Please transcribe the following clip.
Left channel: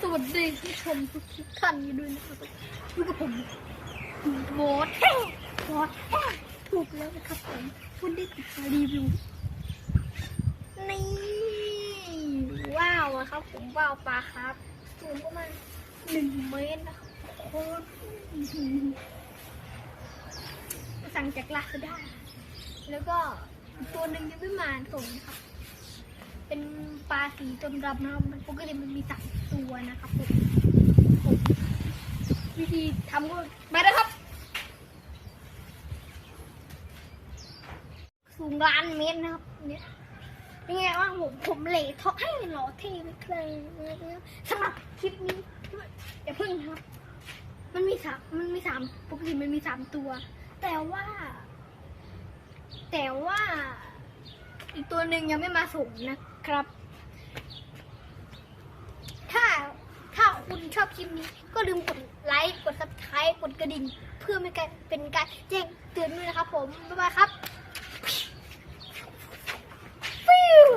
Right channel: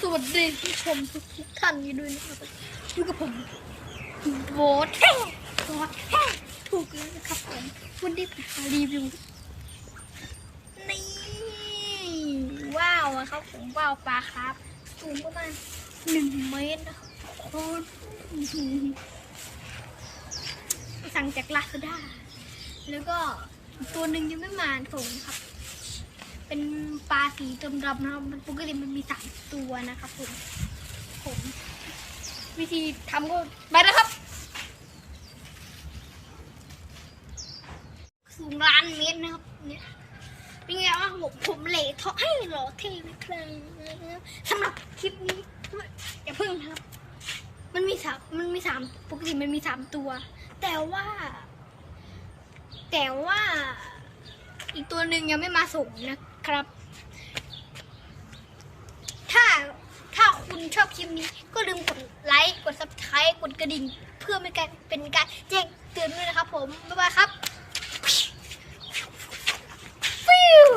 สวัสดีผู้ชมทุกท่านอยู่ด้วยนะครับอยู่กับผมโบทโบทถูกแล้วนะครับผมวันนี้ผมมารีวิวนี่ว้าวครับผมว้าวปลาครับสูงประมาณหนึ่งเมตรนะครับโคตรสั่งจากลาซาด้าแล้วก็ตัวหนึ่งยังไม่มาส่งนะครับ เป็นปลาสีดำดำนะครับปกติมันมีสามตัวนะครับผมวิธีทำก็ไปนะครับ สูงล้านเมตรนะครับเนี่ยเป็นไงว่าผมผมเหล่ทอให้หล่อเท่ไหมครับสำหรับคลิปนี้อย่าเพิ่งนะครับ มันมีสามมันมีสามปกติมันมีสามตัว แต่ว่า แต่ว่า อีกตัวหนึ่งยังไม่มาส่งนะ ครับ ถ้าถ้าคุณชอบคลิปนี้ ก็ลืมกดไลค์กดซับสไครต์กดกระดิ่ง เพื่อเป็นการเป็นการแจ้งเตือนด้วยนะครับผม บ๊ายบายครับฟิว